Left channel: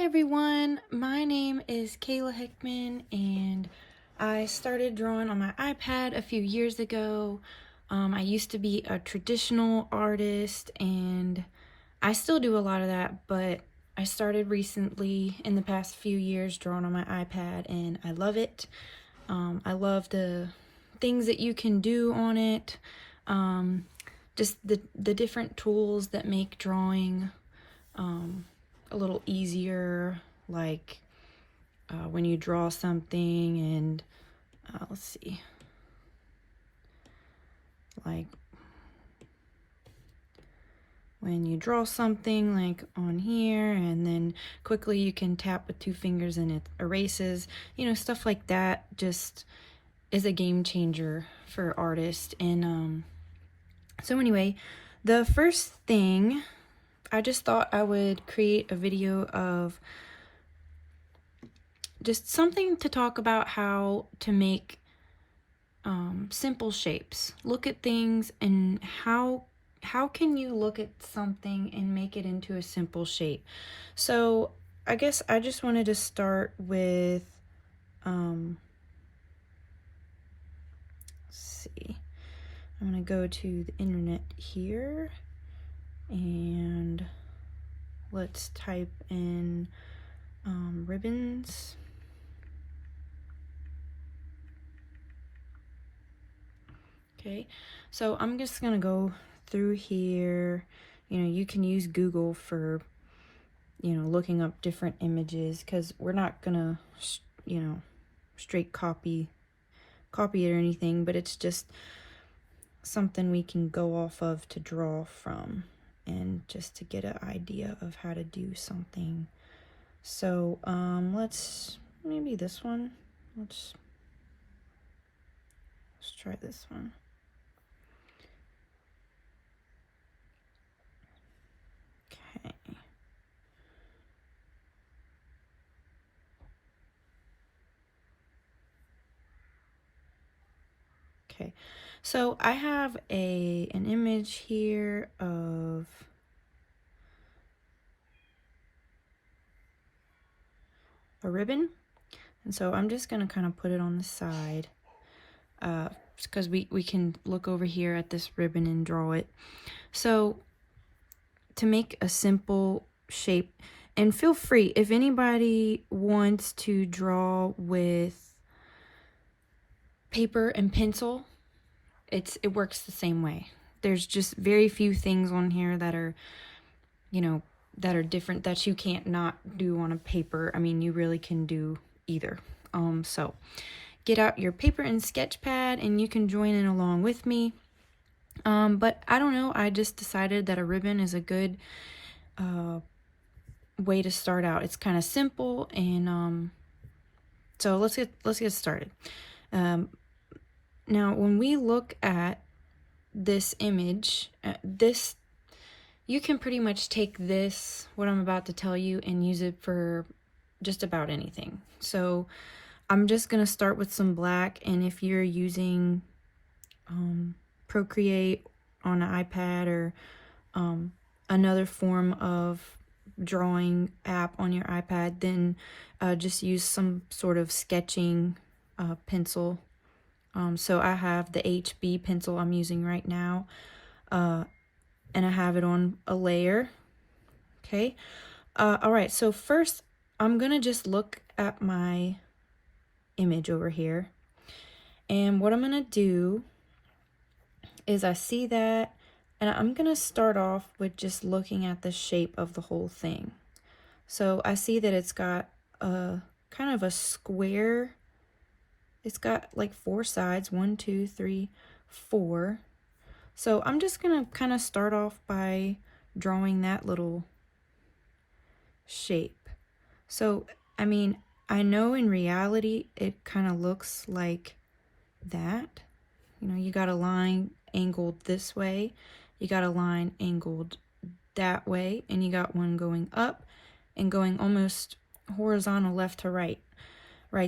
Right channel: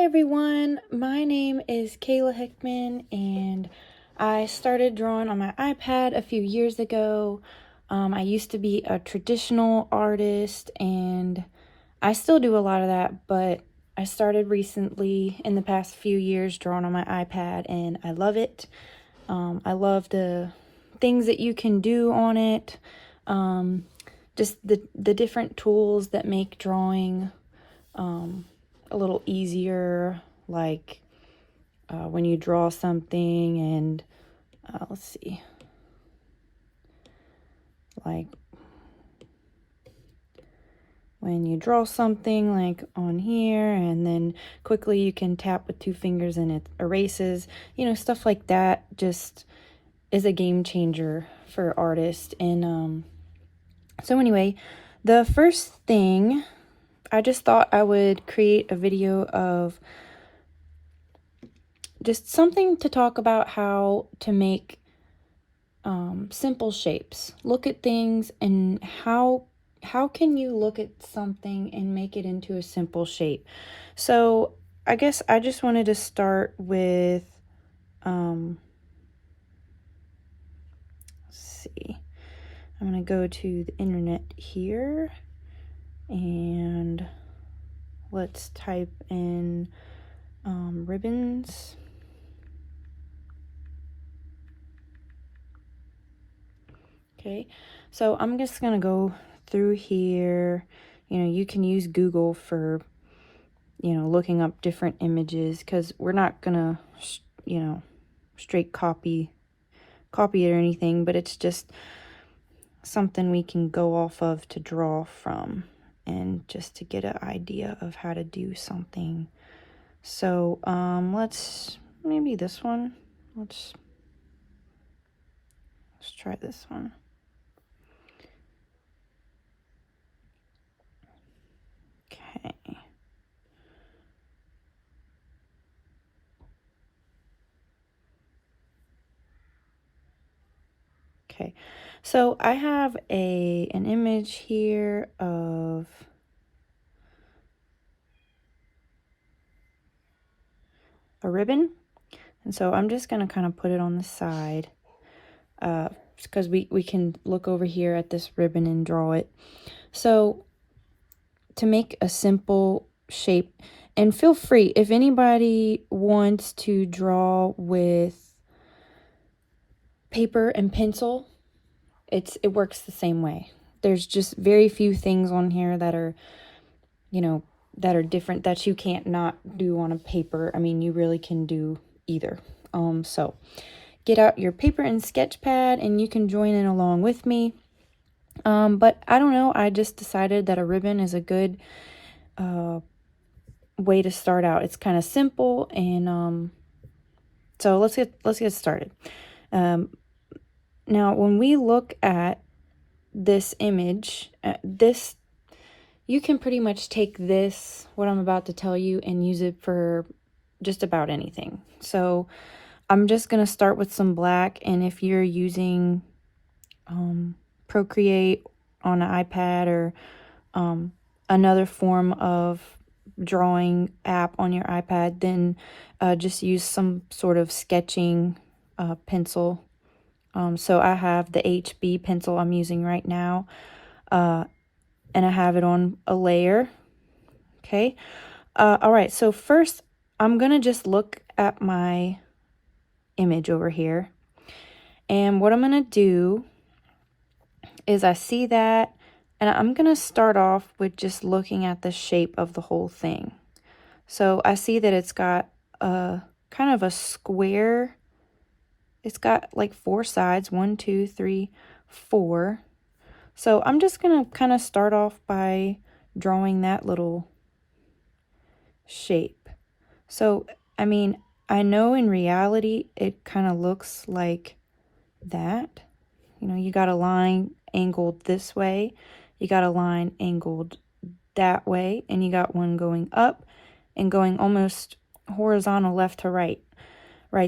Hi everyone, my name is Kayla Hickman and I started drawing on my iPad a few years ago. I used to be a traditional artist and I still do a lot of that, but I started recently in the past few years drawing on my iPad and I love it. I love the things that you can do on it, just the different tools that make drawing a little easier, like when you draw something and let's see, like when you draw something like on here and then quickly you can tap with 2 fingers and it erases, stuff like that just is a game changer for artists. And so anyway, the first thing, I just thought I would create a video of just something to talk about how to make simple shapes. Look at things and how can you look at something and make it into a simple shape. So I guess I just wanted to start with let's see, I'm gonna go to the internet here and let's type in ribbons. Okay, so I'm just gonna go through here. You can use Google for, looking up different images, because we're not gonna, straight copy it or anything, but it's just something we can go off of to draw from and just to get an idea of how to do something. So let's maybe this one. Let's try this one. Okay, so I have an image here of a ribbon, and so I'm just gonna kind of put it on the side because we can look over here at this ribbon and draw it. So to make a simple shape, and feel free if anybody wants to draw with paper and pencil, it works the same way. There's just very few things on here that are, that are different that you can't not do on a paper. I mean, you really can do either. So get out your paper and sketch pad and you can join in along with me. But I don't know, I just decided that a ribbon is a good way to start out. It's kind of simple, and so let's get started. Now, when we look at this image, you can pretty much take this, what I'm about to tell you, and use it for just about anything. So I'm just going to start with some black, and if you're using Procreate on an iPad or another form of drawing app on your iPad, then just use some sort of sketching pencil. So I have the HB pencil I'm using right now, and I have it on a layer. Okay. All right. So first, I'm going to just look at my image over here. And what I'm going to do is I see that, and I'm going to start off with just looking at the shape of the whole thing. So I see that it's got a kind of a square. It's got like 4 sides, 1, 2, 3, 4. So I'm just going to kind of start off by drawing that little shape. So, I mean, I know in reality it kind of looks like that. You got a line angled this way, you got a line angled that way, and you got one going up and going almost horizontal left to right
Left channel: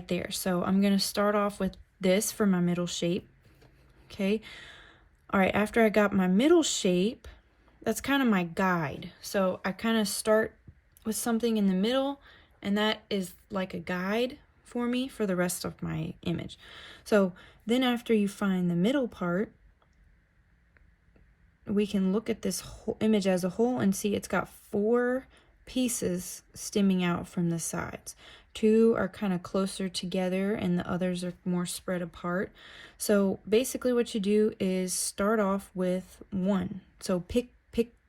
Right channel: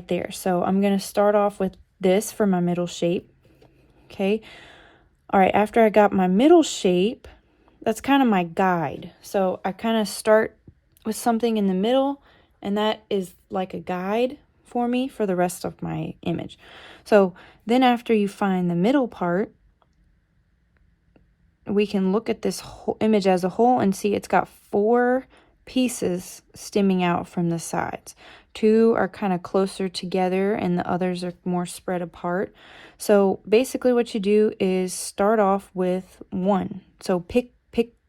there. So I'm going to start off with this for my middle shape. Okay. All right. After I got my middle shape, that's kind of my guide. So I kind of start with something in the middle And that is like a guide for me for the rest of my image. So then after you find the middle part, we can look at this whole image as a whole and see it's got 4 pieces stemming out from the sides. 2 are kind of closer together and the others are more spread apart. So basically what you do is start off with 1. So pick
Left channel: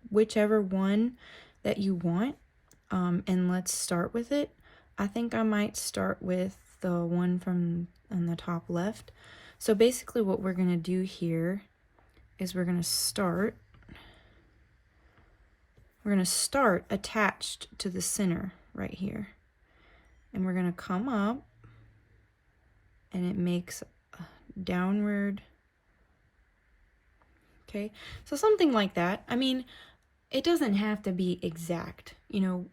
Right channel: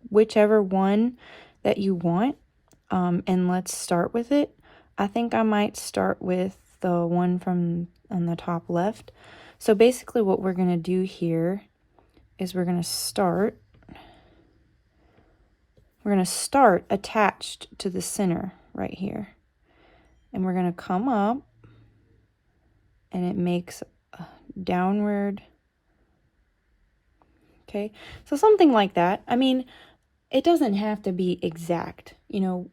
whichever one that you want, and let's start with it. I think I might start with the one from on the top left. So basically what we're going to do here is we're going to start attached to the center right here. And we're going to come up, and it makes a downward. Okay, so something like that. I mean, it doesn't have to be exact. You know,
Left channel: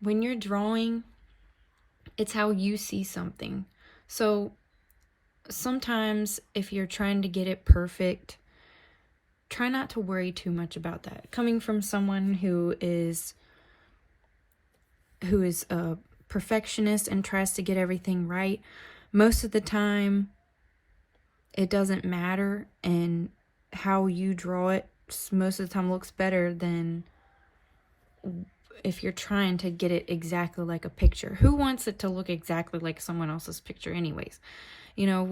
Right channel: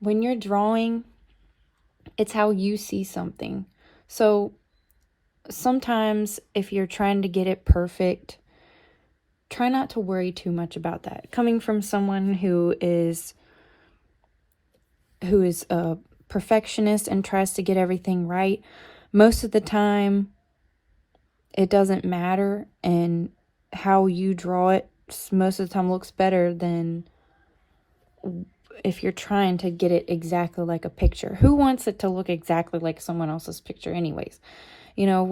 when you're drawing, it's how you see something. So sometimes if you're trying to get it perfect, try not to worry too much about that. Coming from someone who is a perfectionist and tries to get everything right, most of the time it doesn't matter, and how you draw it most of the time looks better than if you're trying to get it exactly like a picture. Who wants it to look exactly like someone else's picture anyways? You know,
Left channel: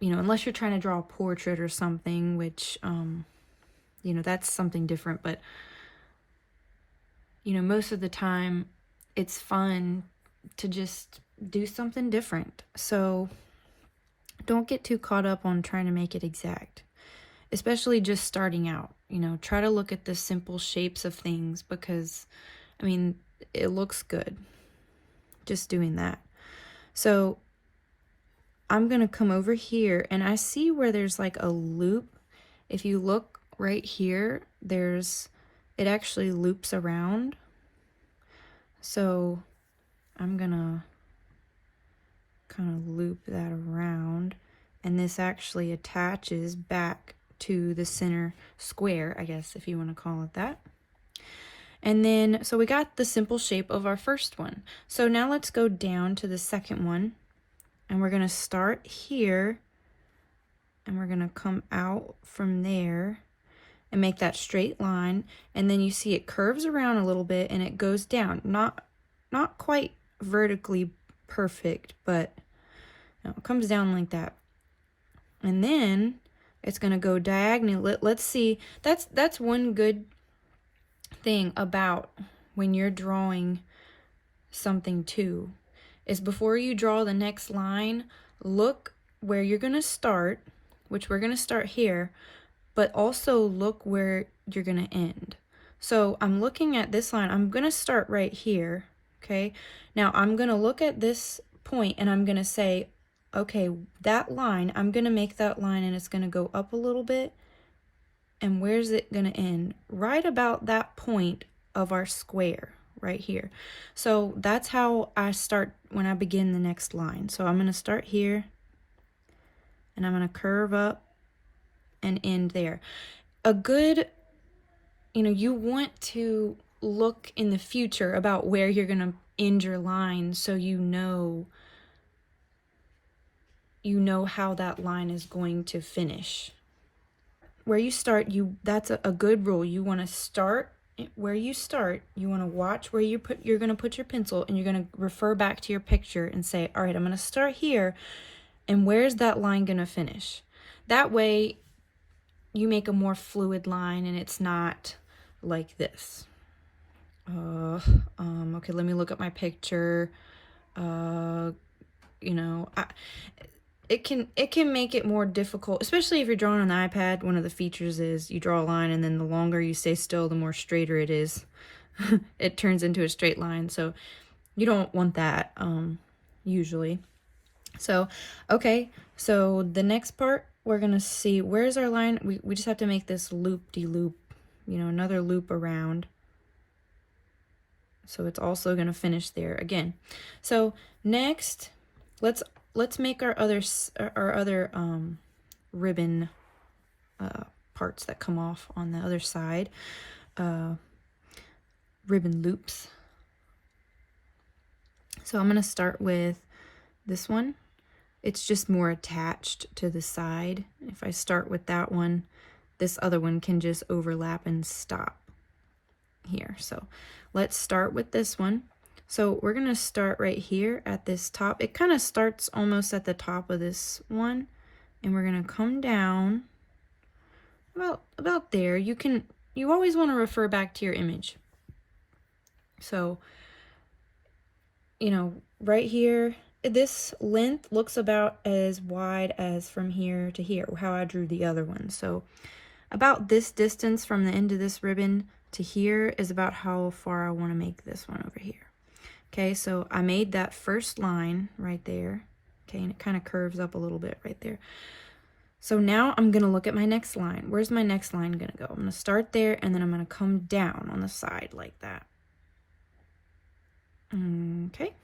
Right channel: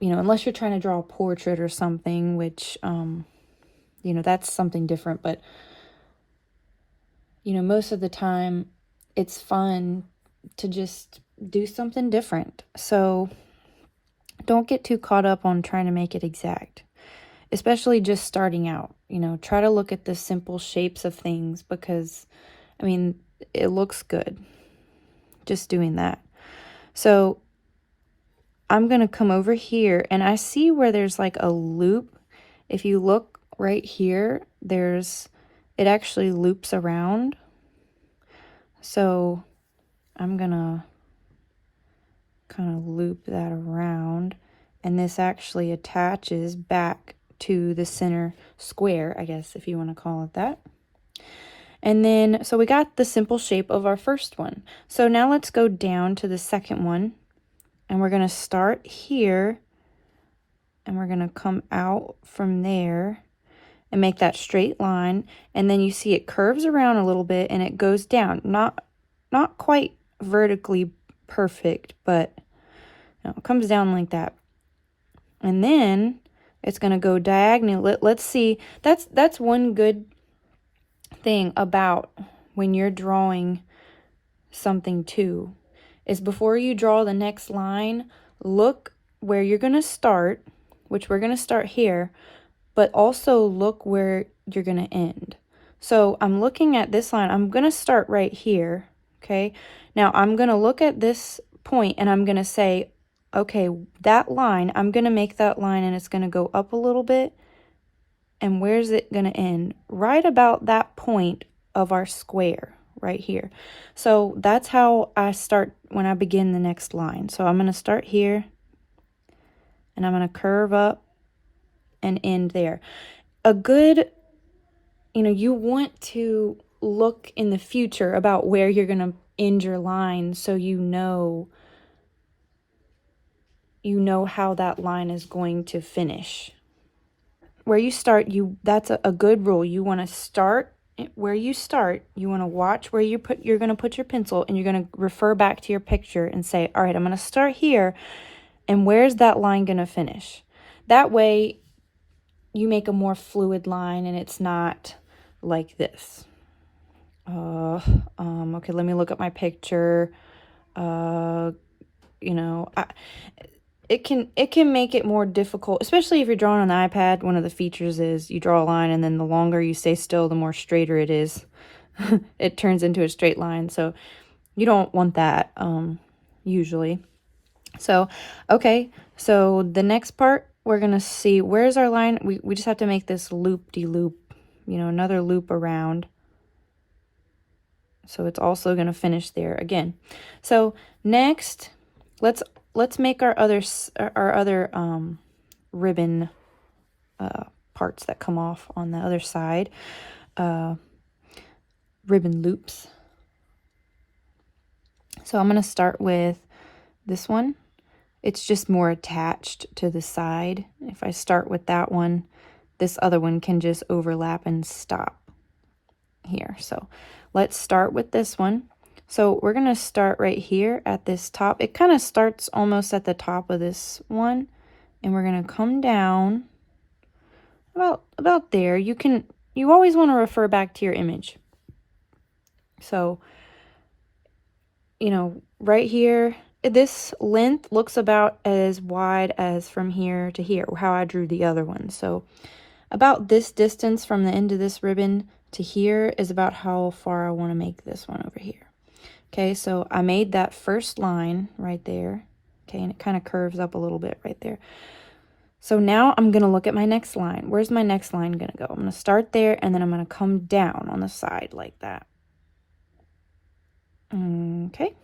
unless you're trying to draw a portrait or something, which, you know, that's something different. But, you know, most of the time it's fun to just do something different. So don't get too caught up on trying to make it exact, especially just starting out. You know, try to look at the simple shapes of things because, I mean, it looks good just doing that. So I'm going to come over here, and I see where there's like a loop. If you look right here, it actually loops around. So I'm going to kind of loop that around, and this actually attaches back to the center square, I guess, if you want to call it that. And then, so we got the simple shape of our first one. So now let's go down to the second one, and we're going to start here, and we're going to come out from there and make that straight line. And then you see it curves around a little bit and it goes down. Not quite vertically perfect, but you know, it comes down like that. And then it's going to go diagonal. Let's see. That's one good thing about when you're drawing something too, is before you draw the next line, look where you're going to start, which we're going to start here, but also look where you're going to end. So I'm looking at this line. I'm going to start right here, okay? Now I'm going to look at this point and I'm going to say, okay, that line, I'm going to make that line and it's going to go up a little bit. And where's it going to end? Right about that point of our square right here. So that's how I start when I begin the next line. So I'm going to start here and I'm going to curve up and end there. A good, you know, you want to look in the future about where you're going to end your line, so you know how that line is going to finish. Where you start, that's a good rule. You want to start where you start. You want to watch where you're going to put your pencil, and you're going to refer back to your picture and say, all right, I'm going to start here, and where's that line going to finish? That way you make a more fluid line and it's not like this. Okay, let me look at my picture. You know, it can make it more difficult, especially if you're drawing on an iPad. One of the features is you draw a line, and then the longer you stay still, the more straighter it is. It turns into a straight line, so you don't want that, usually. So, okay, so the next part, we're going to see, where's our line? We just have to make this loop-de-loop, you know, another loop around. So it's also going to finish there again. So next, let's make our other ribbon parts that come off on the other side, ribbon loops. So I'm going to start with this one. It's just more attached to the side. If I start with that one, this other one can just overlap and stop here. So let's start with this one. So we're going to start right here at this top. It kind of starts almost at the top of this one, and we're going to come down about there. You always want to refer back to your image. So, you know, right here, this length looks about as wide as from here to here, how I drew the other one. So about this distance from the end of this ribbon to here is about how far I want to make this one over here. Okay, so I made that first line right there. Okay, and it kind of curves up a little bit right there. So now I'm going to look at my next line. Where's my next line going to go? I'm going to start there, and then I'm going to come down on the side like that. Okay.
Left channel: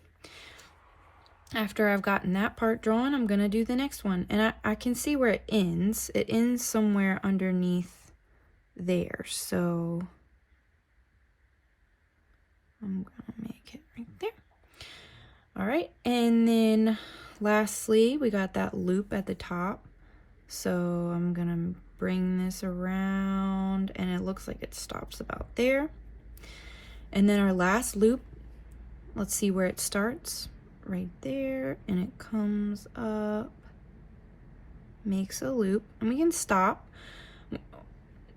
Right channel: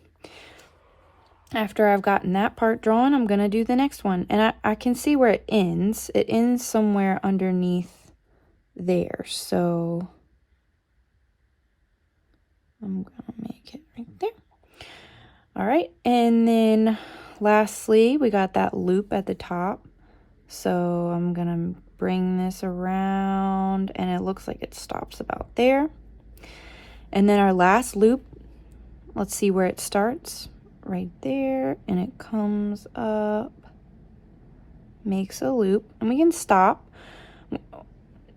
After I've gotten that part drawn, I'm going to do the next one. And I can see where it ends. It ends somewhere underneath there. So I'm going to make it right there. All right. And then lastly, we got that loop at the top. So I'm going to bring this around, and it looks like it stops about there. And then our last loop, let's see where it starts. Right there, and it comes up, makes a loop, and we can stop.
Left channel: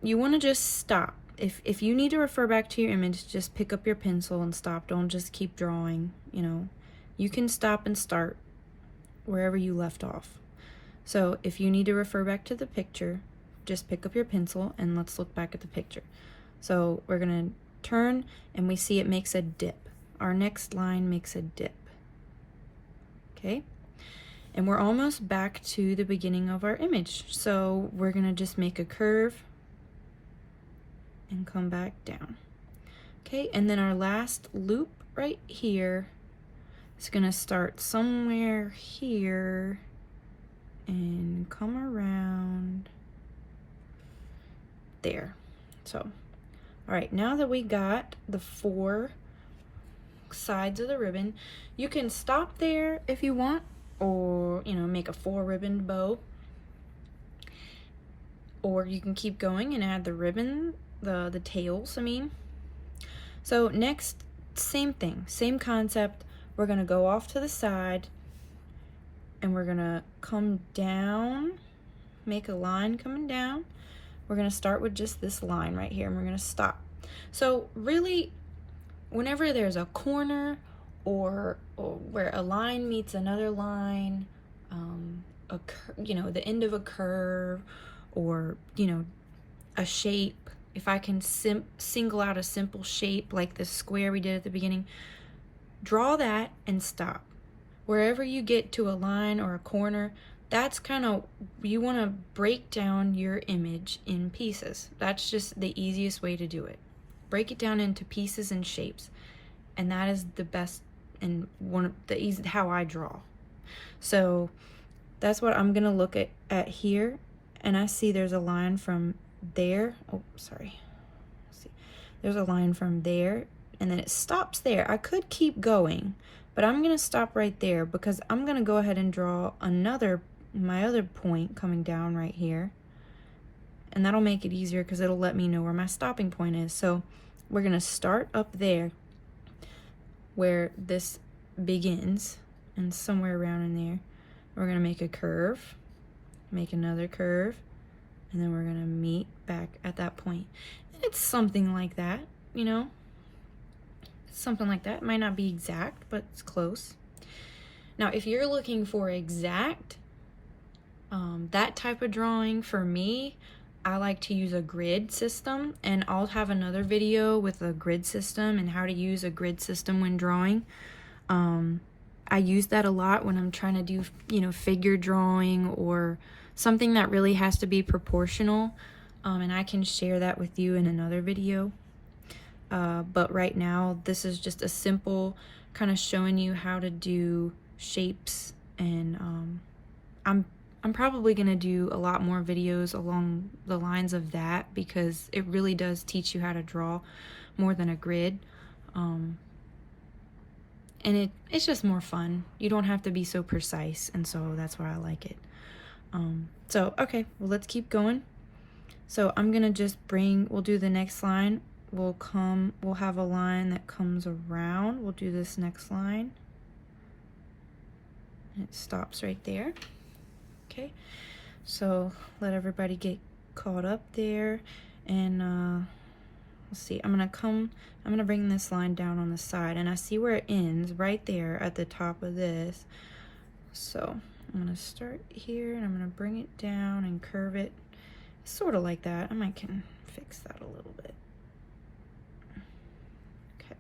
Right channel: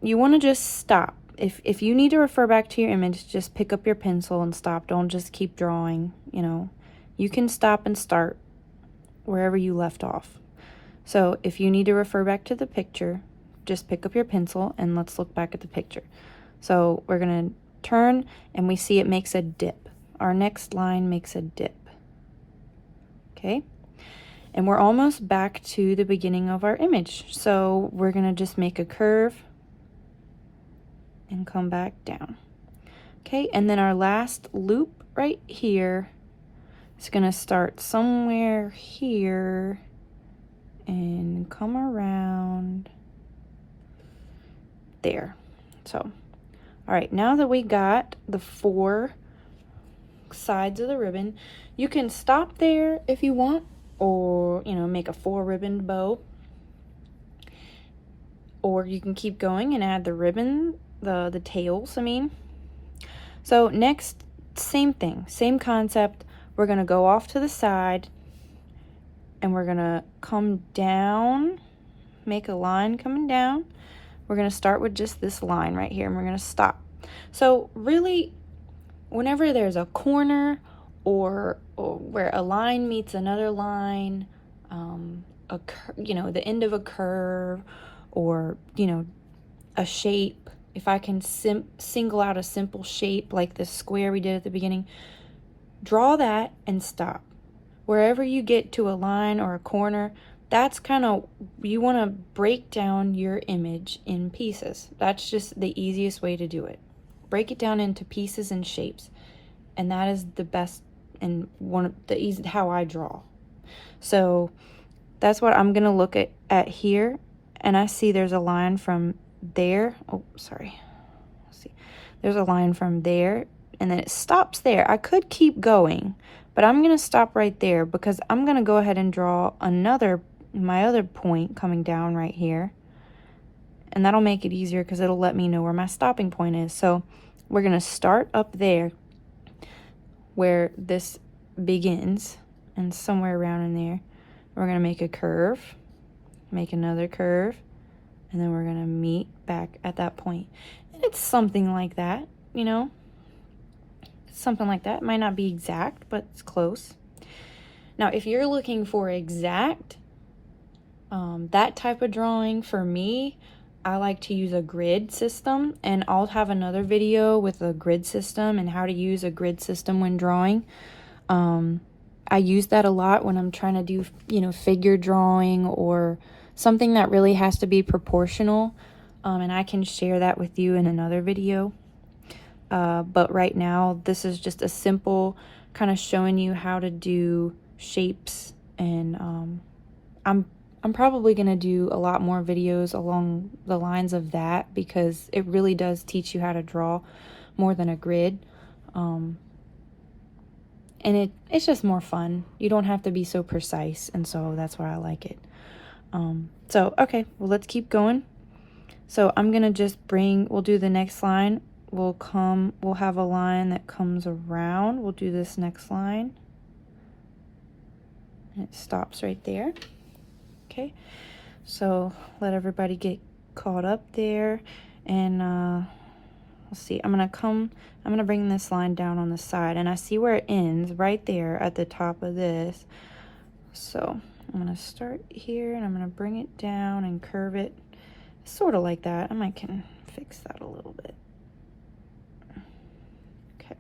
You want to just stop. If you need to refer back to your image, just pick up your pencil and stop. Don't just keep drawing, you know. You can stop and start wherever you left off. So if you need to refer back to the picture, just pick up your pencil and let's look back at the picture. So we're going to turn, and we see it makes a dip. Our next line makes a dip. Okay, and we're almost back to the beginning of our image. So we're gonna just make a curve and come back down. Okay, and then our last loop right here is gonna start somewhere here and come around there. So, all right, now that we got the 4 sides of the ribbon, you can stop there if you want, or, you know, make a 4-ribbon bow. Or you can keep going and add the ribbon, the tails, I mean. So next, same thing, same concept. We're going to go off to the side, and we're going to come down, make a line coming down. We're going to start with just this line right here, and we're going to stop. So really, whenever there's a corner or where a line meets another line, you know, the end of a curve, or, you know, a shape. If I can single out a simple shape like this square we did at the beginning, draw that and stop. Wherever you get to a line or a corner, that's kind of, you want to break down your image in pieces. That's just the easiest way to do it. Break it down into pieces and shapes. And that is the best and one of the easy how I draw. So that's what I'm gonna look at here, and I see there's a line from there. Oh, sorry. Let's see. There's a line from there, and then it stops there. I could keep going, but I'm gonna stop right there because I'm gonna go ahead and draw my other point coming down right here, and that'll make it easier because it'll let me know where my stopping point is. So we're gonna start up there where this begins, and somewhere around in there we're going to make a curve, make another curve, and then we're going to meet back at that point. And it's something like that, you know, something like that. It might not be exact, but it's close. Now if you're looking for exact that type of drawing, for me, I like to use a grid system, and I'll have another video with a grid system and how to use a grid system when drawing. I use that a lot when I'm trying to do, you know, figure drawing or something that really has to be proportional, and I can share that with you in another video. But right now, this is just a simple kind of showing you how to do shapes, and I'm probably going to do a lot more videos along the lines of that because it really does teach you how to draw more than a grid. and it's just more fun. You don't have to be so precise, and so that's why I like it. So, okay, well, let's keep going. So I'm gonna just we'll do the next line. We'll have a line that comes around. We'll do this next line. And it stops right there. Okay, so let everybody get caught up there. And let's see, I'm gonna bring this line down on the side, and I see where it ends right there at the top of this. So I'm gonna start here, and I'm gonna bring it down and curve it sort of like that. I might can fix that a little bit. Okay.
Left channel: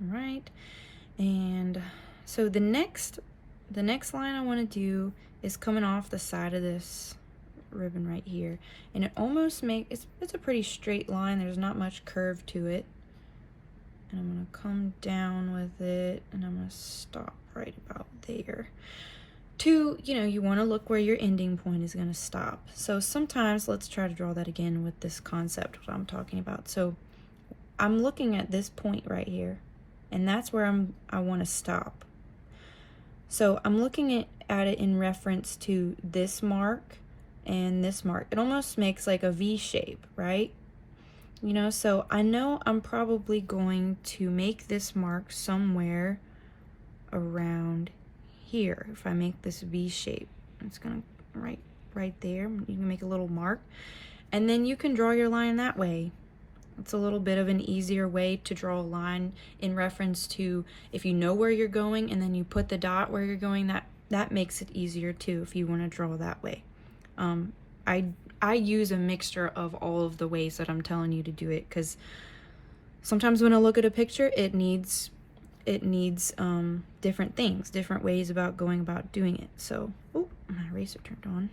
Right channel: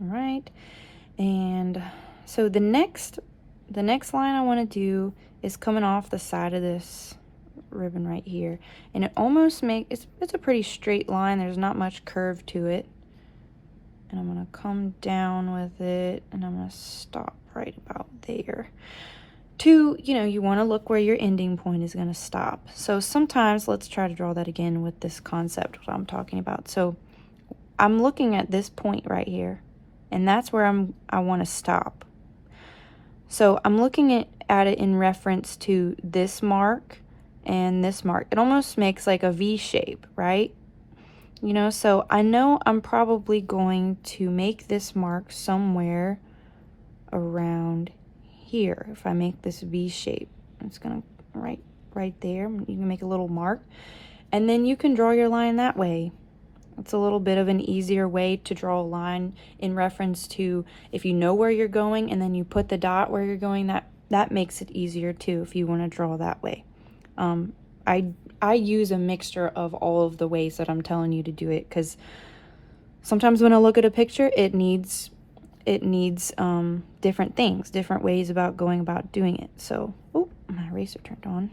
All right, and so the next line I want to do is coming off the side of this ribbon right here, and it almost it's a pretty straight line. There's not much curve to it, and I'm gonna come down with it, and I'm gonna stop right about there. You want to look where your ending point is going to stop. So sometimes, let's try to draw that again with this concept, what I'm talking about. So I'm looking at this point right here, and that's where I want to stop. So I'm looking at it in reference to this mark and this mark. It almost makes like a V shape, right? So I know I'm probably going to make this mark somewhere around here. If I make this V shape, it's gonna right there. You can make a little mark, and then you can draw your line that way. It's a little bit of an easier way to draw a line in reference to if you know where you're going, and then you put the dot where you're going. That makes it easier too if you want to draw that way. I use a mixture of all of the ways that I'm telling you to do it, because sometimes when I look at a picture, it needs different things, different ways about going about doing it. So, oh, my eraser turned on.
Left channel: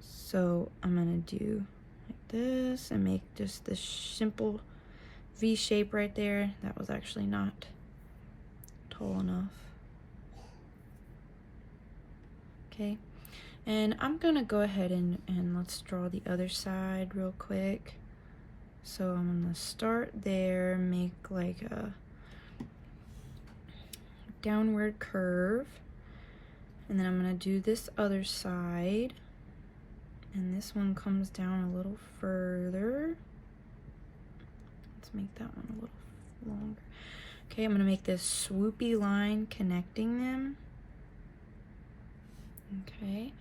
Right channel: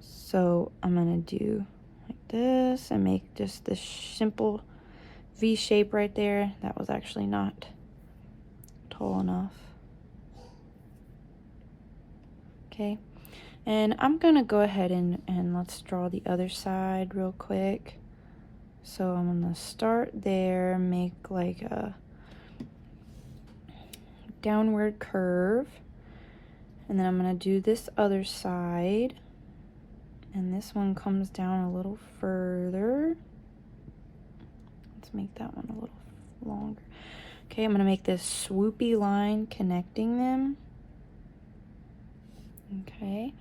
So I'm gonna do like this and make just this simple V shape right there. That was actually not tall enough. Okay, and I'm gonna go ahead and let's draw the other side real quick. So I'm gonna start there, make like a downward curve, and then I'm going to do this other side, and this one comes down a little further. Let's make that one a little longer. Okay, I'm going to make this swoopy line connecting them. Okay.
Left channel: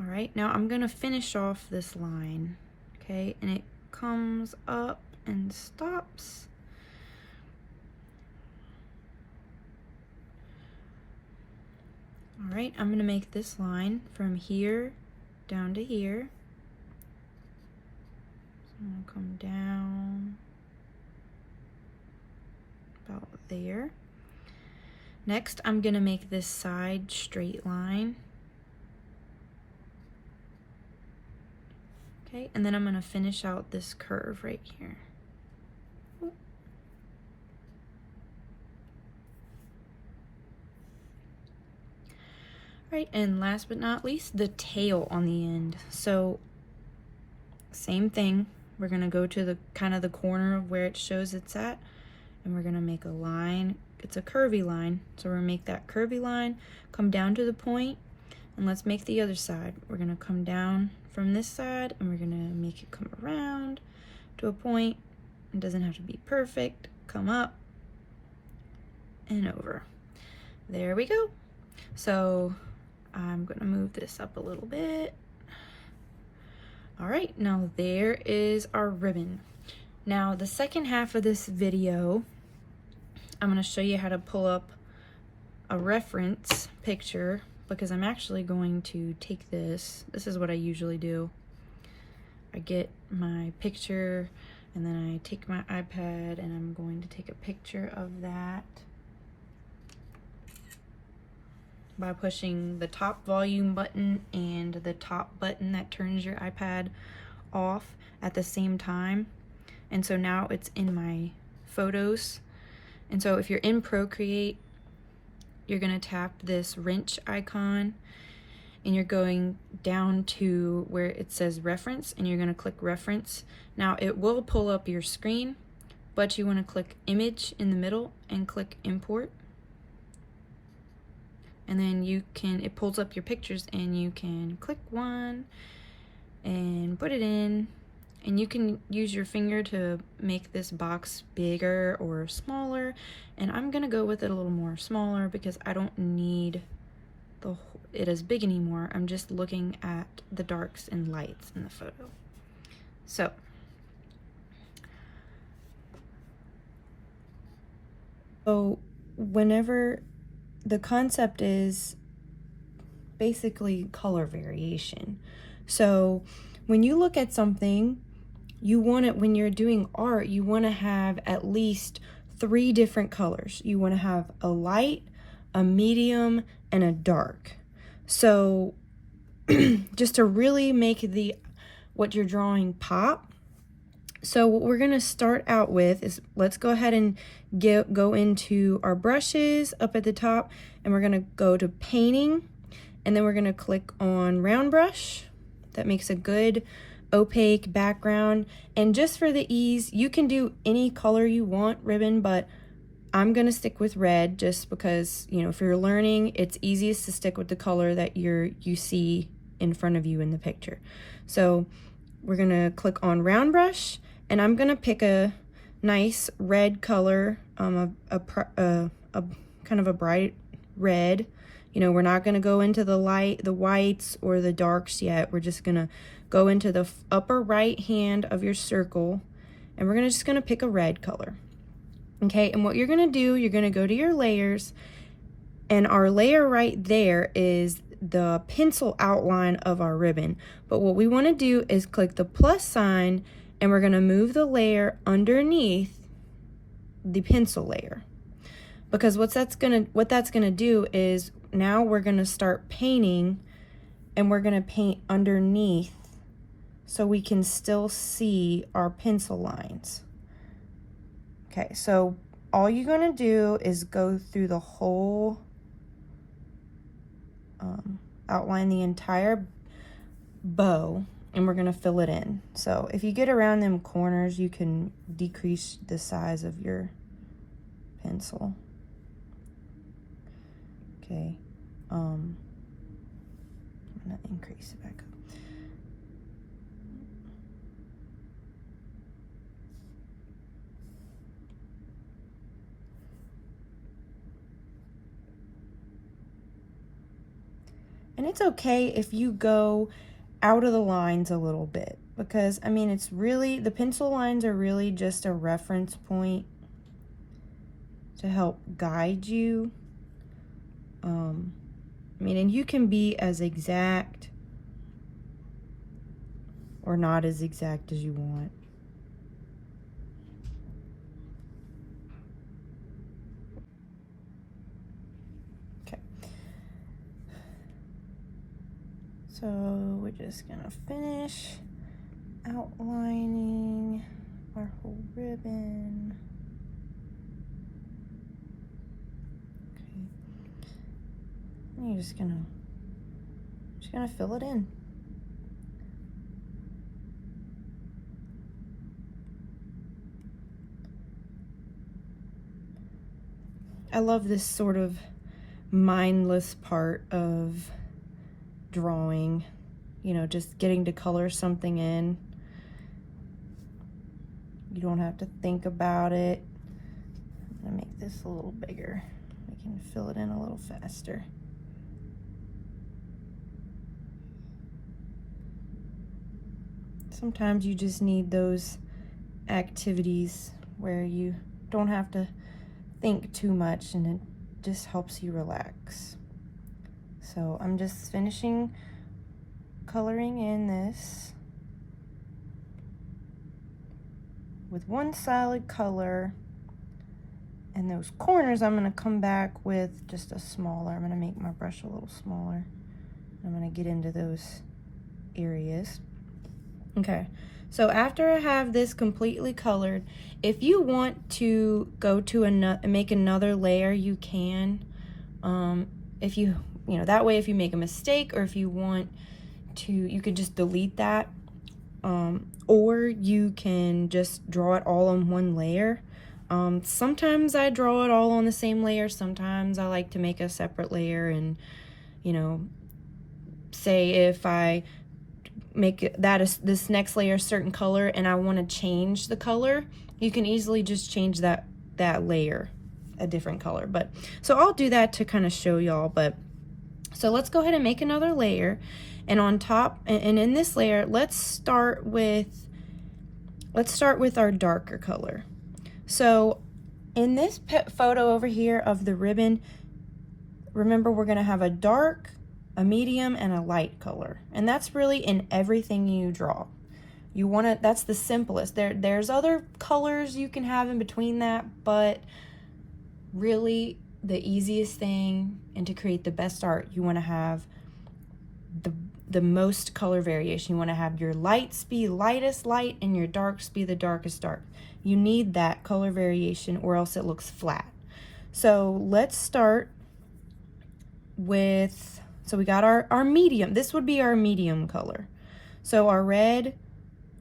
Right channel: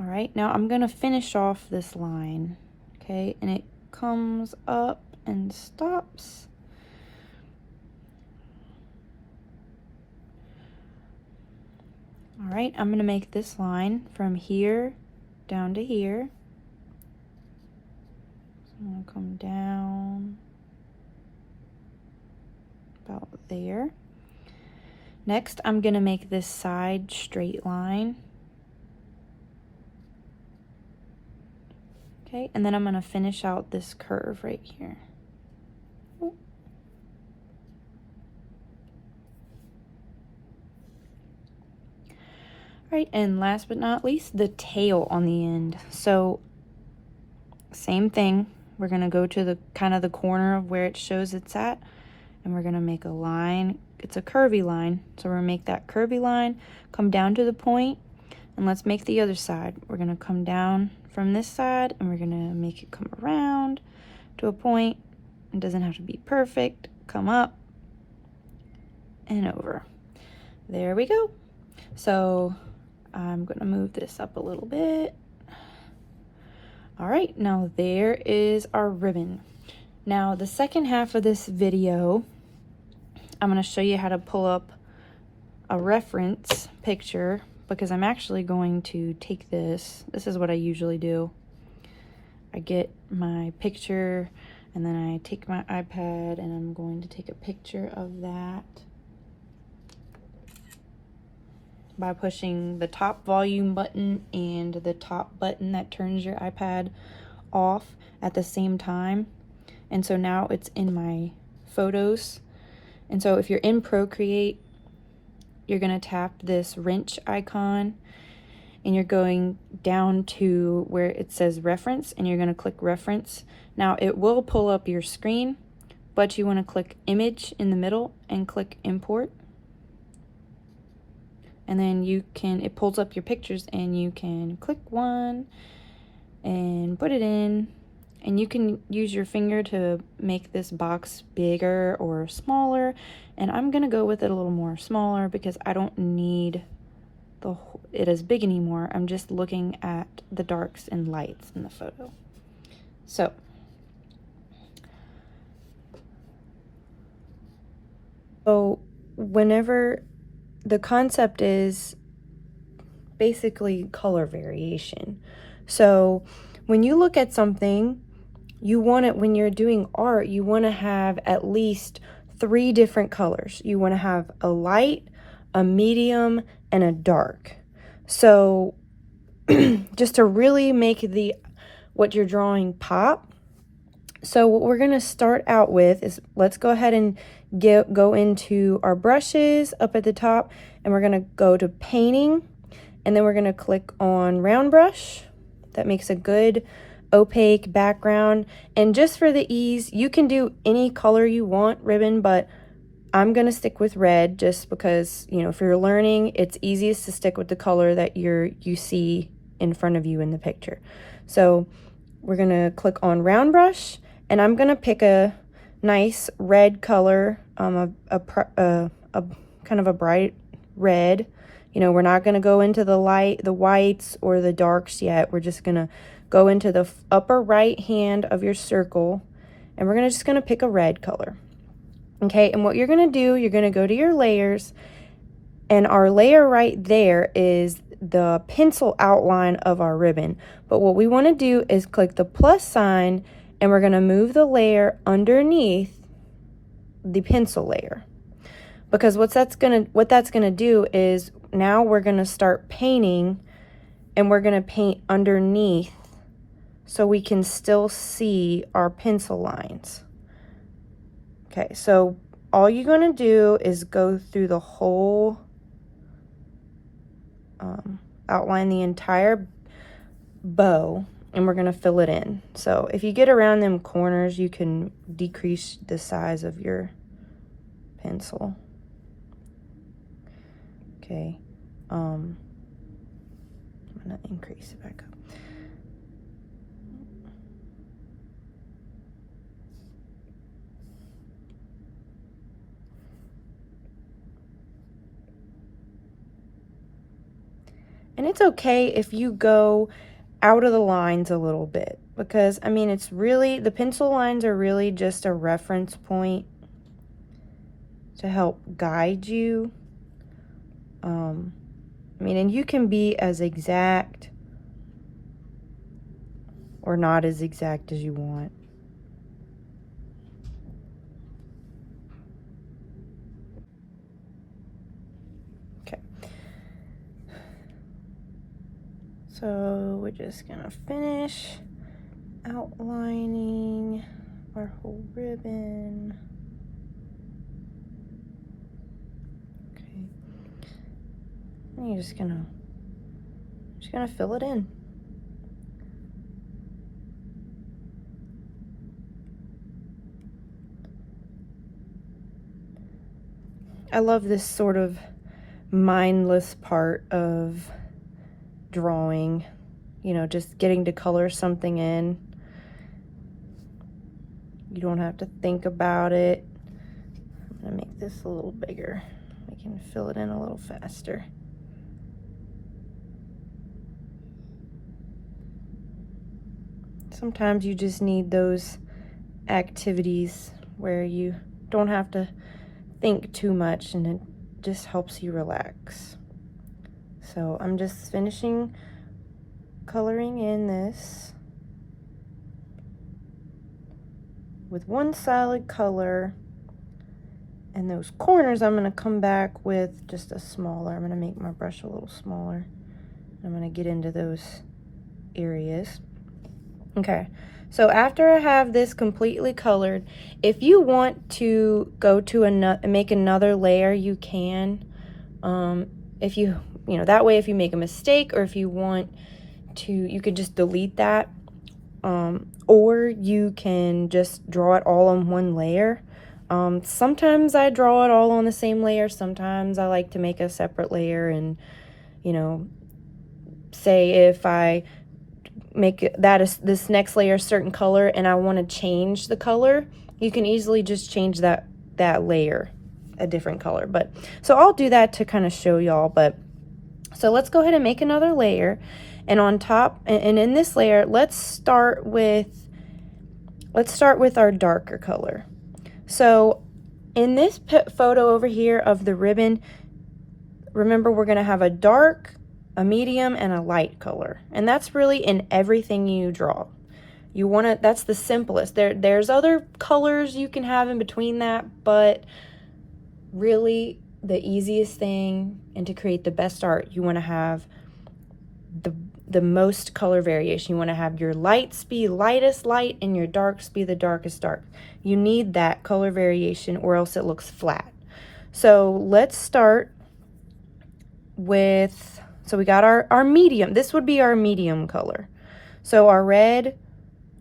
All right, now I'm going to finish off this line. Okay, and it comes up and stops. All right, I'm going to make this line from here down to here. So I'm going to come down about there. Next, I'm going to make this side straight line. Okay, and then I'm going to finish out this curve right here. Right, and last but not least, the tail on the end. So same thing, we're gonna go to the kind of the corner of where it shows it's at, and we're gonna make a line. It's a curvy line, so we're gonna make that curvy line, come down to the point, and let's make the other side. We're gonna come down from this side, and we're gonna make it come around to a point. It doesn't have to be perfect. Come up and over. There we go. So I'm going to move this up a little bit. All right, now there is our ribbon. Now the second half of this video, I'm going to show you how to pull up a reference picture, because I'm actually going to take this. This is what I usually do. I get my picture, and then I take my iPad, and I'm going to take a picture of that by pushing the top volume button and the top button that turns your iPad off at the same time. And so now it's in my photos. And so if you're in Procreate, you're gonna tap this wrench icon, and you're going down to where it says reference, and you're going to click reference. Now it will pull up your screen, but you want to click image in the middle and click import. And then it pulls up your pictures, and you can click one and put it in. And you can use your finger to make this box bigger or smaller. And I'm gonna go with it a little more smaller because I don't need it as big anymore. I'm just looking at the darks and lights in the photo. So whenever the concept is basically color variation. So when you look at something, you want it, when you're doing art, you want to have at least 3 different colors. You want to have a light, a medium, and a dark. So just to really make what you're drawing pop. So what we're going to start out with is, let's go ahead and go into our brushes up at the top, and we're going to go to painting, and then we're going to click on round brush. That makes a good opaque background. And just for the ease, you can do any color you want ribbon, but I'm going to stick with red just because, you know, if you're learning, it's easiest to stick with the color that you see in front of you in the picture. So we're going to click on round brush, and I'm going to pick a nice red color, a kind of a bright red. You know, we're not going to go into the whites or the darks yet. We're just going to go into the upper right hand of your circle, and we're just going to pick a red color. Okay, and what you're going to do, you're going to go to your layers, and our layer right there is the pencil outline of our ribbon. But what we want to do is click the plus sign, and we're going to move the layer underneath the pencil layer. Because what that's going to do is, now we're going to start painting, and we're going to paint underneath so we can still see our pencil lines. Okay, so all you're going to do is go through the whole outline, the entire bow, and we're going to fill it in. So if you get around them corners, you can decrease the size of your pencil. Okay, I'm going to increase it back up. And it's okay if you go out of the lines a little bit, because I mean, it's really, the pencil lines are really just a reference point to help guide you. I mean, and you can be as exact or not as exact as you want. Okay. So we're just gonna finish outlining our whole ribbon. And you're just gonna fill it in. I love this sort of mindless part of drawing, you know, just getting to color something in. You don't have to think about it. I'm gonna make this a little bigger. We can fill it in a little faster. Sometimes you just need those activities where you don't have to think too much, and it just helps you relax. So I'm just finishing coloring in this with one solid color, and those corners I'm going to come back with just a smaller. I'm going to make my brush a little smaller. I'm going to get into those areas. Okay, so after I have this completely colored, if you want to go to make another layer, you can. If you you know, that way if you make a mistake or if you want to, you could just delete that. Or you can just draw it all on one layer. Sometimes I draw it all on the same layer. Sometimes I like to make a separate layer and, you know, say if I make this next layer a certain color and I want to change the color, you can easily just change that layer a different color. But so I'll do that to kind of show y'all. But so let's go ahead and make another layer, and on top and in this layer, let's start with our darker color. So in this photo over here of the ribbon, remember we're going to have a dark, a medium, and a light color. And that's really in everything you draw. You want to, that's the simplest. There's other colors you can have in between that, but really the easiest thing, and to create the best art, you want to have the most color variation. You want to have your lights be lightest light and your darks be the darkest dark. You need that color variation or else it looks flat. So let's start with, so we got our medium. This would be our medium color. So our red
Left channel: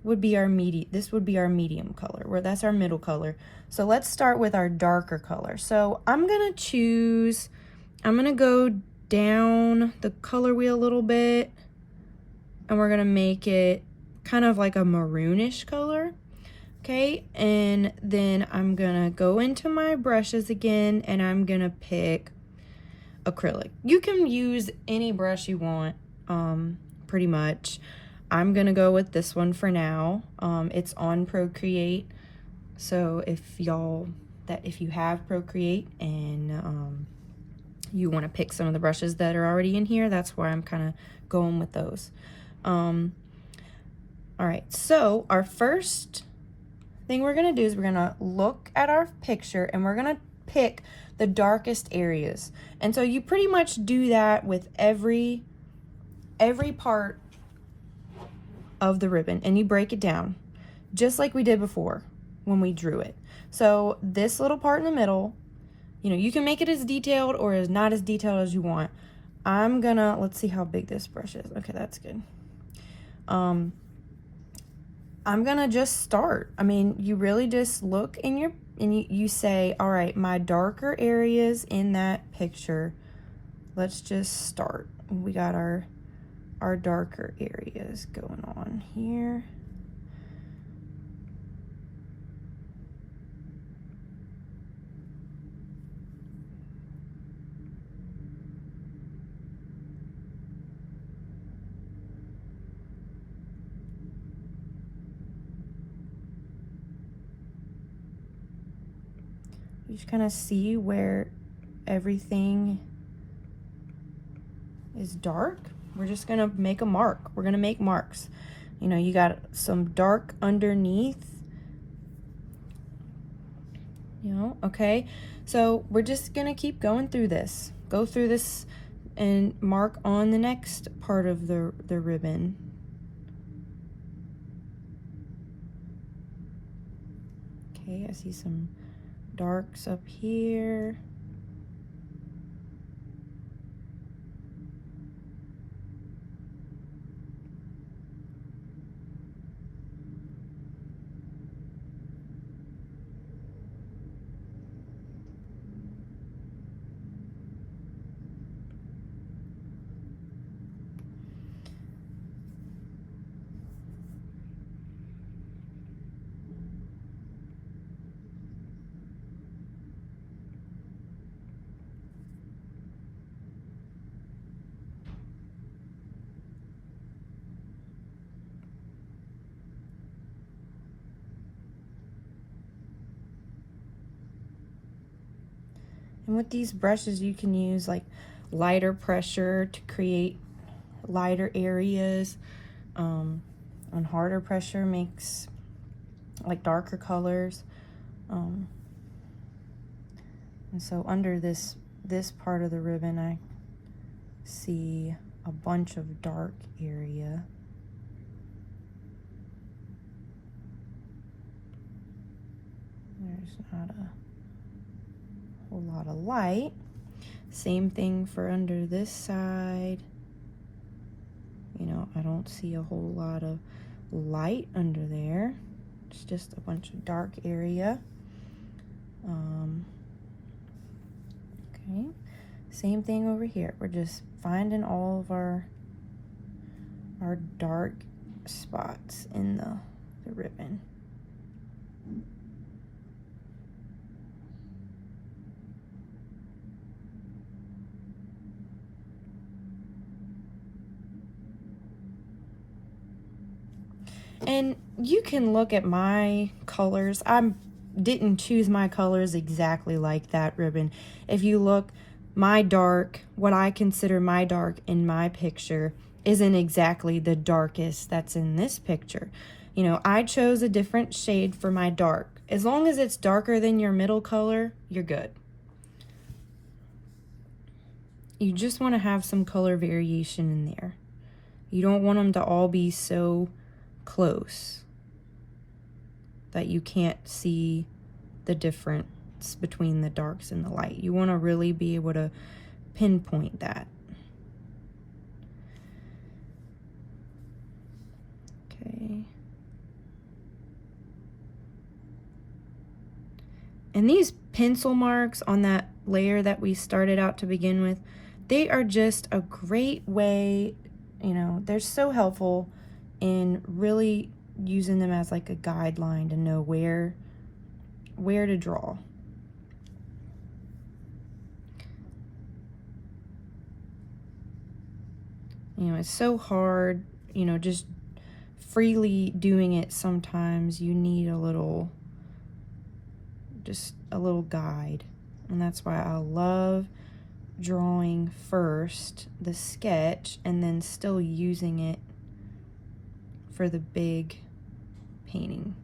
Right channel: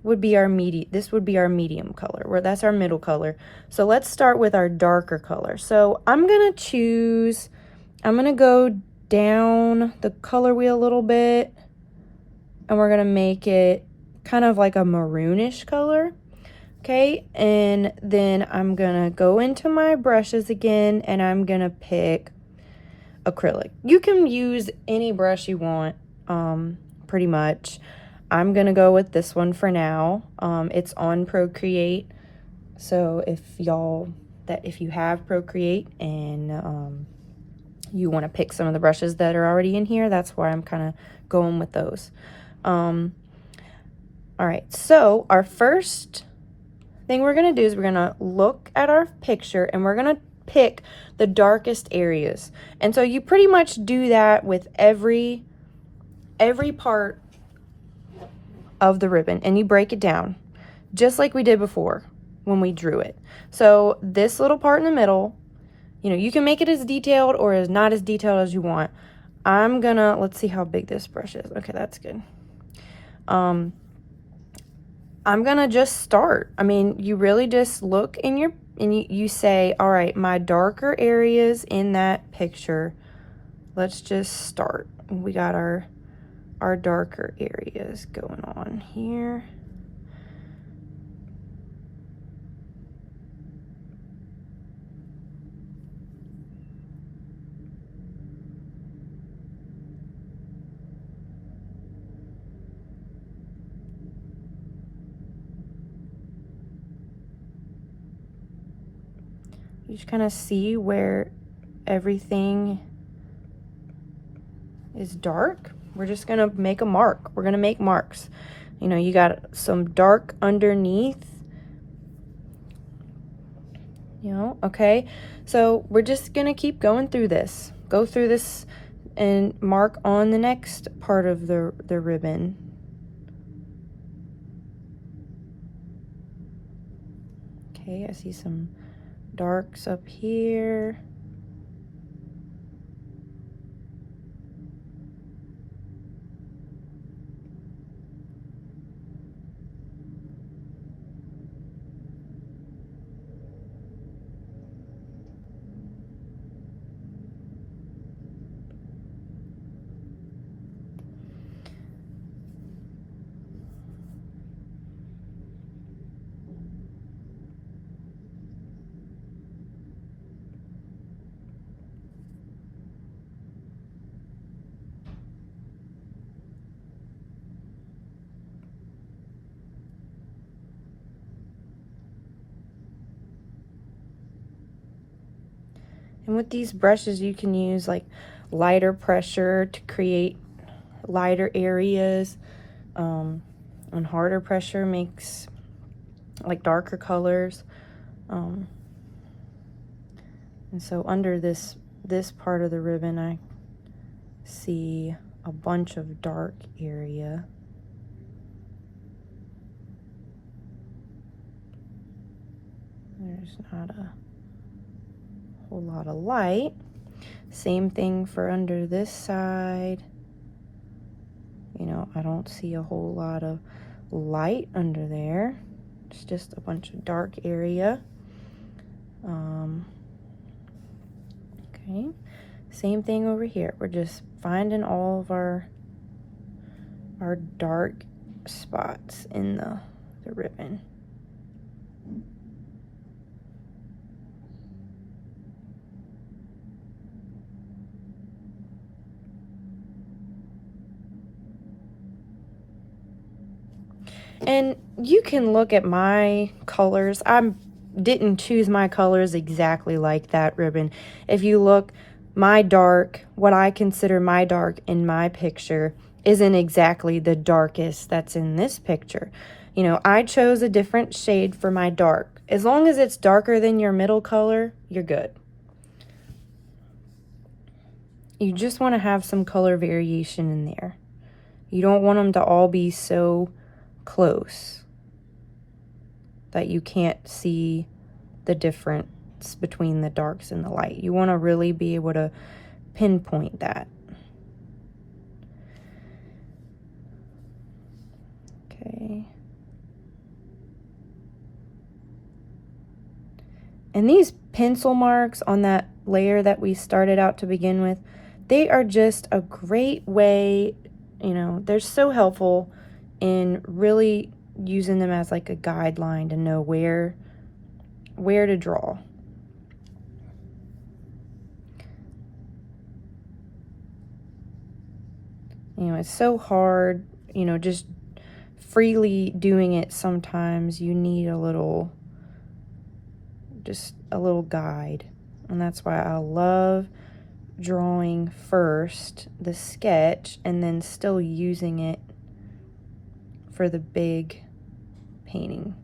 would be our this would be our medium color, where that's our middle color. So let's start with our darker color. So I'm gonna go down the color wheel a little bit, and we're gonna make it kind of like a maroonish color. Okay, and then I'm gonna go into my brushes again, and I'm gonna pick acrylic. You can use any brush you want, pretty much. I'm gonna go with this one for now. It's on Procreate, so if you have Procreate and you want to pick some of the brushes that are already in here, that's why I'm kind of going with those. All right, so our first thing we're gonna do is we're gonna look at our picture and we're gonna pick the darkest areas. And so you pretty much do that with every part of the ribbon, and you break it down just like we did before when we drew it. So this little part in the middle, you know, you can make it as detailed or as not as detailed as you want. Let's see how big this brush is. Okay, that's good. I'm gonna just start. I mean, you really just look and you say, all right, my darker areas in that picture, let's just start. We got our darker areas going on here. You just kind of see where everything is dark. We're just gonna make a mark. We're gonna make marks. You know, you got some dark underneath, you know, okay? So we're just gonna keep going through this. Go through this and mark on the next part of the ribbon. Okay, I see some darks up here. And with these brushes, you can use like lighter pressure to create lighter areas. And harder pressure makes like darker colors. And so under this part of the ribbon, I see a bunch of dark area. There's not a whole lot of light. Same thing for under this side. You know, I don't see a whole lot of light under there. It's just a bunch of dark area. Okay, same thing over here. We're just finding all of our dark spots in the ribbon. And you can look at my colors. I didn't choose my colors exactly like that ribbon. If you look, my dark, what I consider my dark in my picture, isn't exactly the darkest that's in this picture. You know, I chose a different shade for my dark. As long as it's darker than your middle color, you're good. You just want to have some color variation in there. You don't want them to all be so close that you can't see the difference between the darks and the light. You want to really be able to pinpoint that. Okay. And these pencil marks on that layer that we started out to begin with, they are just a great way, you know, they're so helpful in really using them as like a guideline to know where to draw. You know, it's so hard, you know, just freely doing it. Sometimes you need just a little guide. And that's why I love drawing first the sketch and then still using it for the big painting.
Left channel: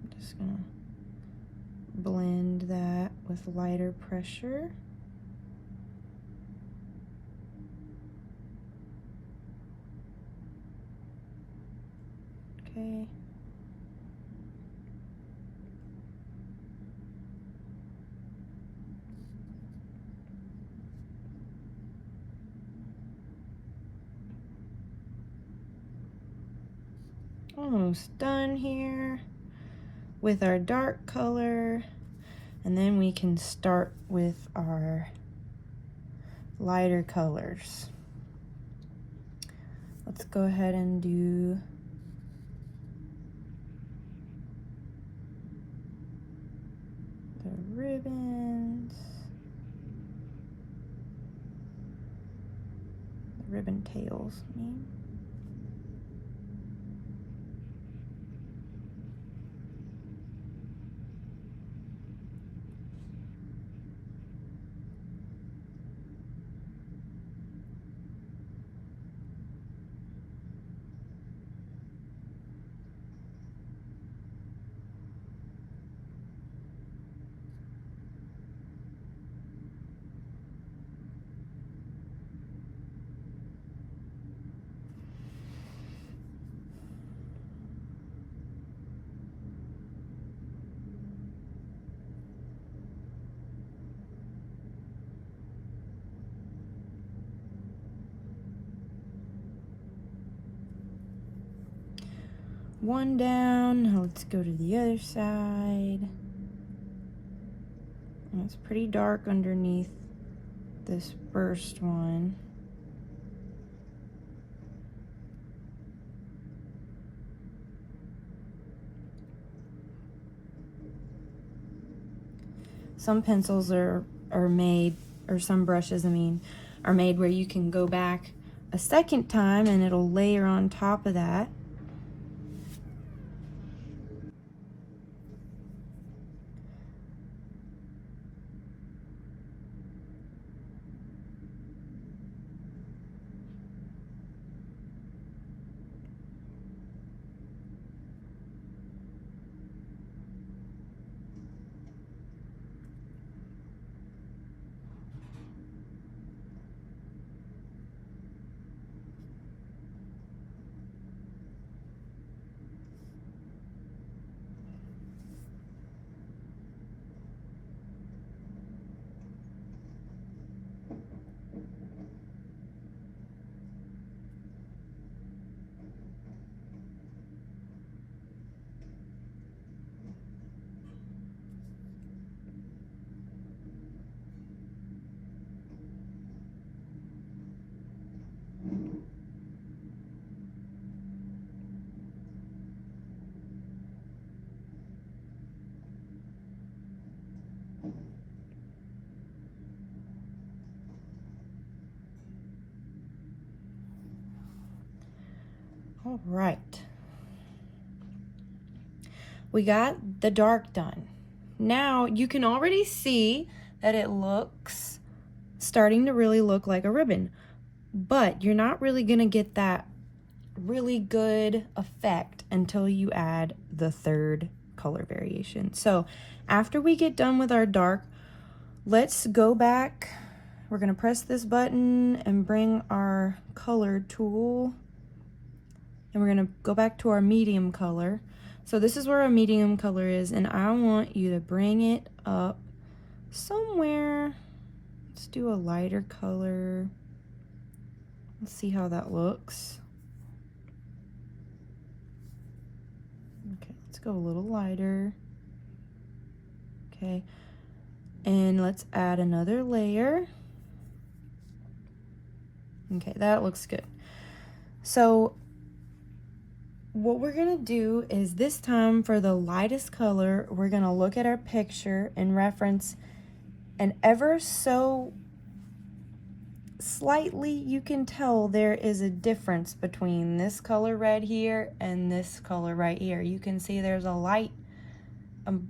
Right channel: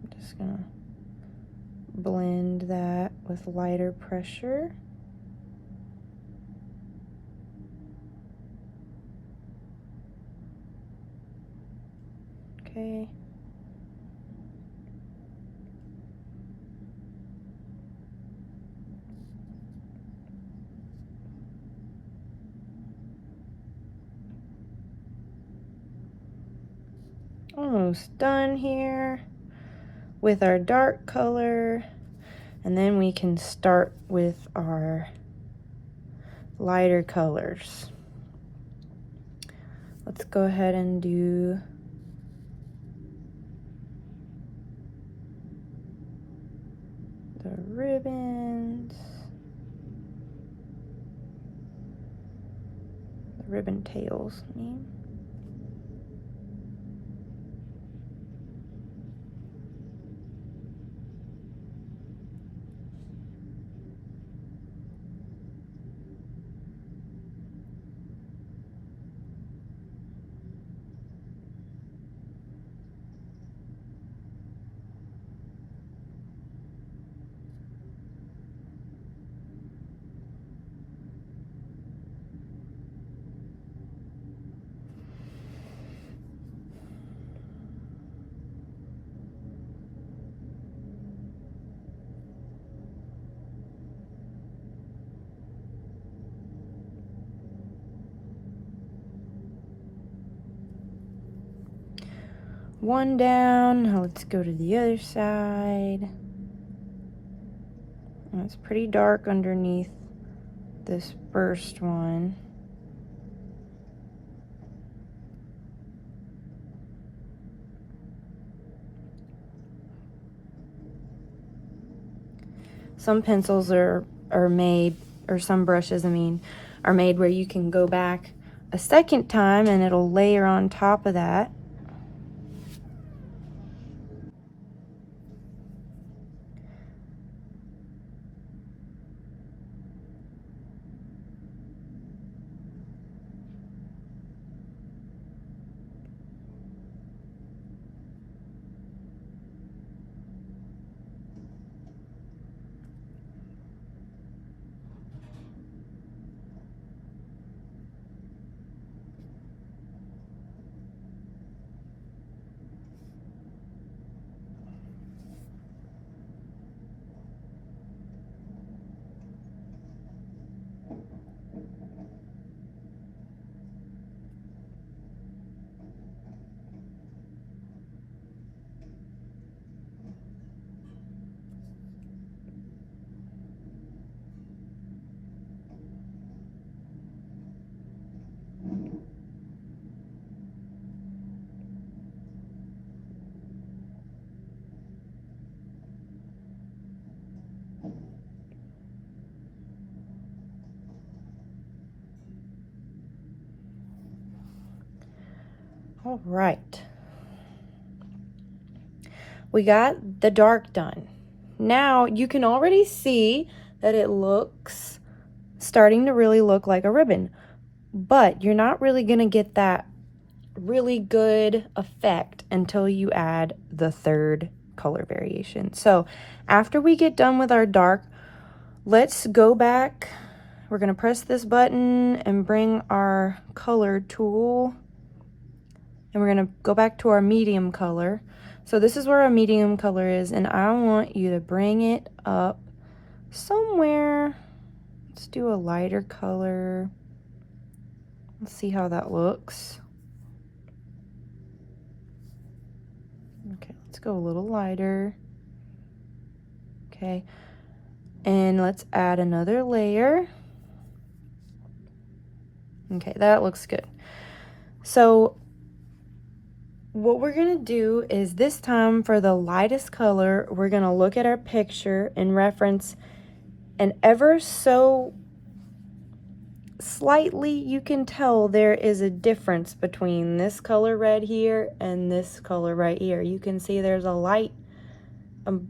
I'm just gonna blend that with lighter pressure. Okay. Almost done here with our dark color, and then we can start with our lighter colors. Let's go ahead and do the ribbons, the ribbon tails, I mean. One down. Now let's go to the other side. And it's pretty dark underneath this first one. Some pencils are made, or some brushes, I mean, are made where you can go back a second time and it'll layer on top of that. All right. We got the dark done. Now you can already see that it looks starting to really look like a ribbon, but you're not really going to get that really good effect until you add the third color variation. So after we get done with our dark, let's go back. We're going to press this button and bring our color tool, and we're going to go back to our medium color. So this is where our medium color is, and I want you to bring it up somewhere. Let's do a lighter color. Let's see how that looks. Okay, let's go a little lighter. Okay, and let's add another layer. Okay, that looks good. So what we're gonna do is this time for the lightest color, we're gonna look at our picture and reference an ever so slightly, you can tell there is a difference between this color red here and this color right here. You can see there's a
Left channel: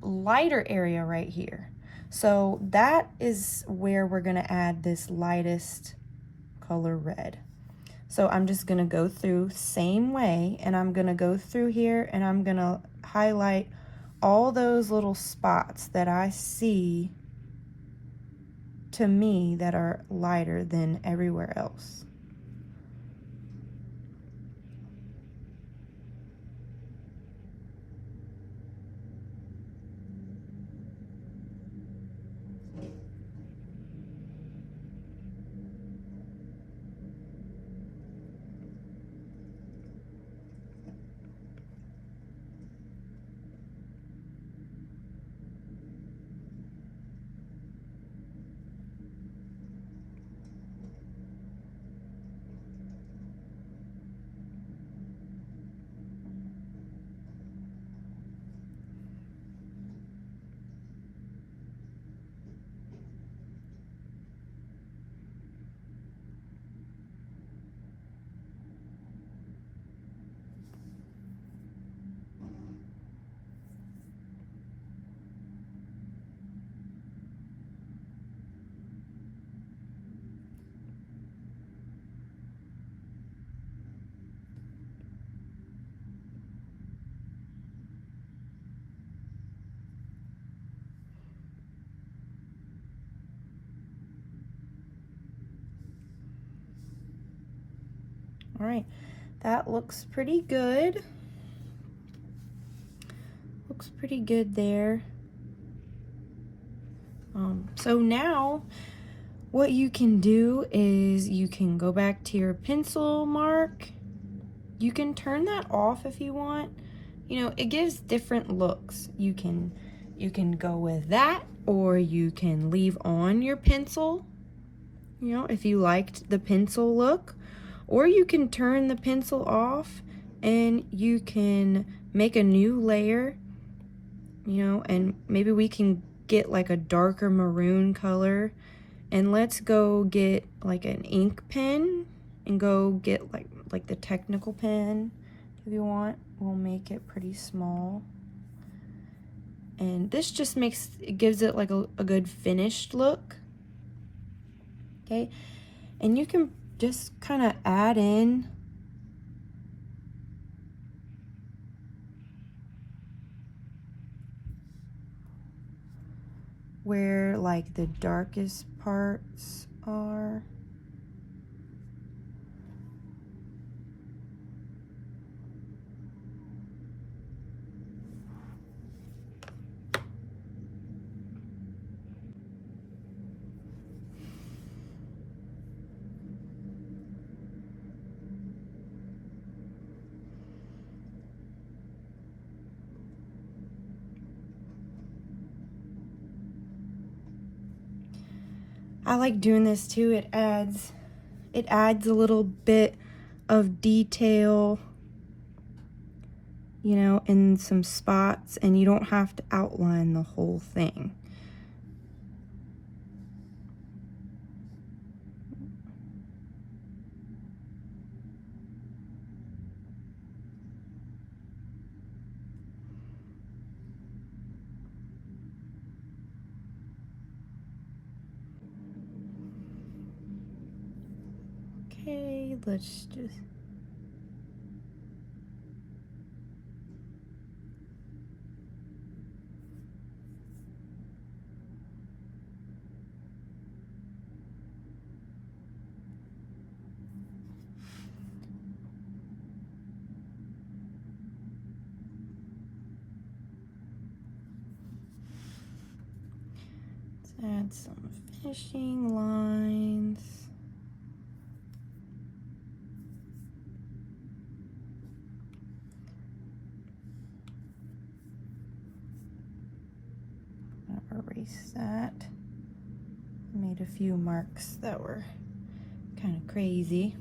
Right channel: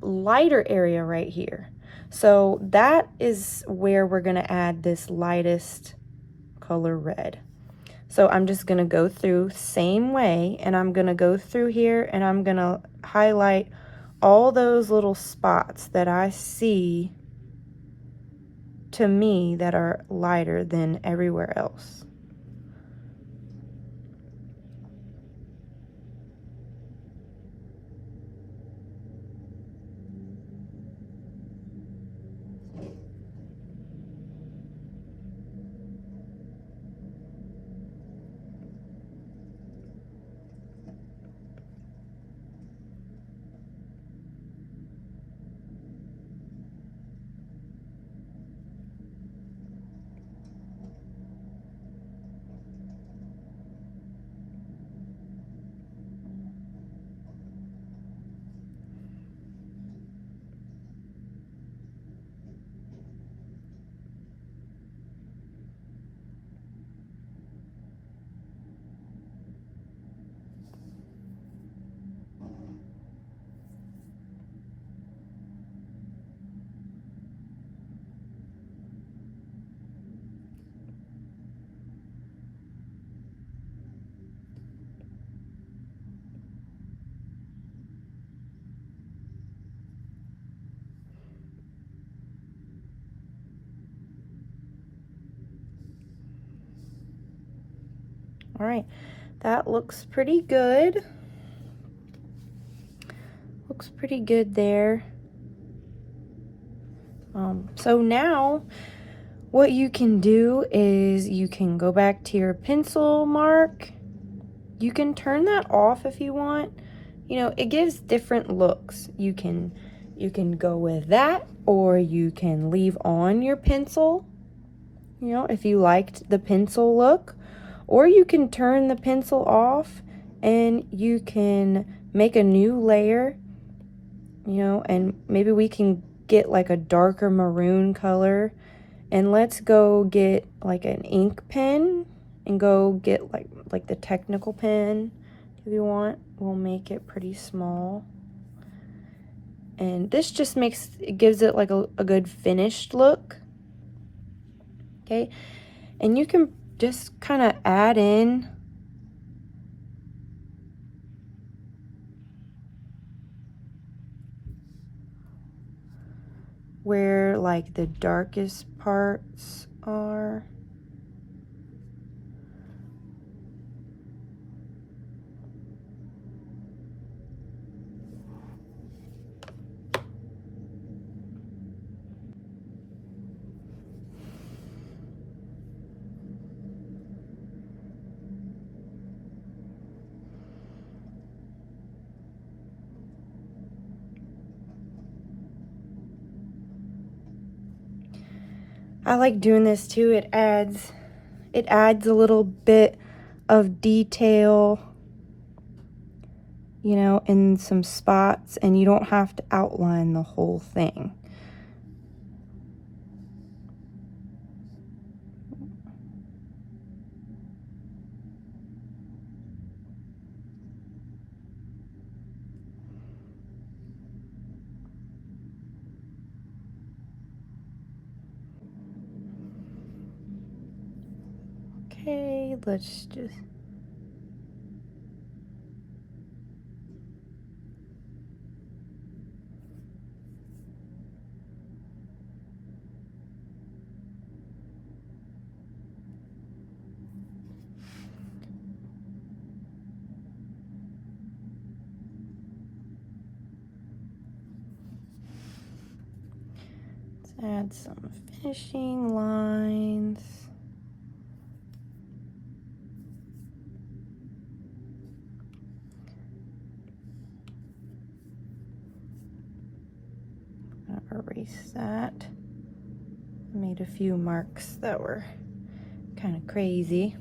lighter area right here. So that is where we're going to add this lightest color red. So I'm just going to go through same way, and I'm going to go through here and I'm going to highlight all those little spots that I see to me that are lighter than everywhere else. All right, that looks pretty good. Looks pretty good there. So now what you can do is you can go back to your pencil mark. You can turn that off if you want. You know, it gives different looks. You can go with that, or you can leave on your pencil, you know, if you liked the pencil look, or you can turn the pencil off and you can make a new layer, you know, and maybe we can get like a darker maroon color, and let's go get like an ink pen and go get like the technical pen if you want. We'll make it pretty small, and this just gives it like a good finished look. Okay, and you can just kind of add in where like the darkest parts are. I like doing this too. It adds a little bit of detail, you know, in some spots, and you don't have to outline the whole thing. Okay, let's just... add some finishing lines. I'll erase that. I made a few marks that were kind of crazy.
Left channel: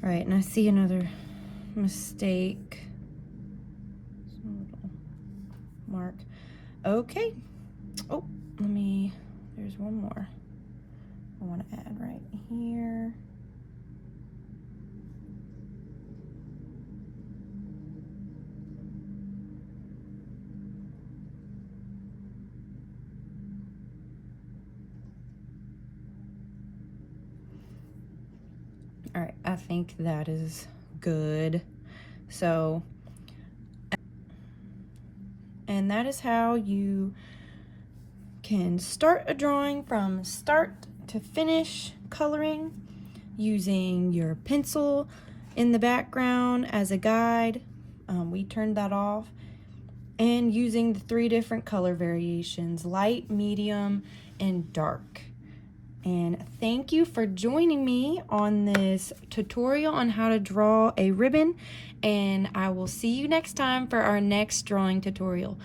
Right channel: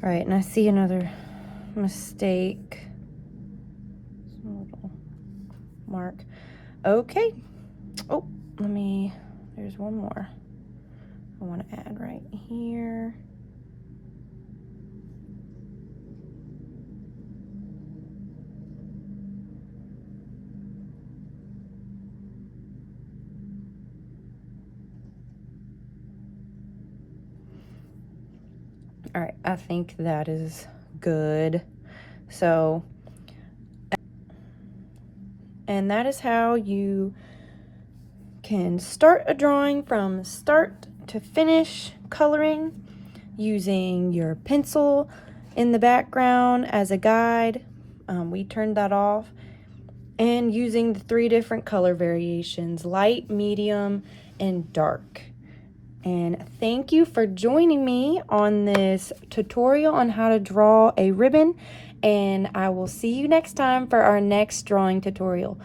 All right, and I see another mistake. Little mark. Okay. Oh, there's one more I want to add right here. All right, I think that is good. So, and that is how you can start a drawing from start to finish coloring using your pencil in the background as a guide. We turned that off, and using the 3 different color variations: light, medium, and dark. And thank you for joining me on this tutorial on how to draw a ribbon, and I will see you next time for our next drawing tutorial.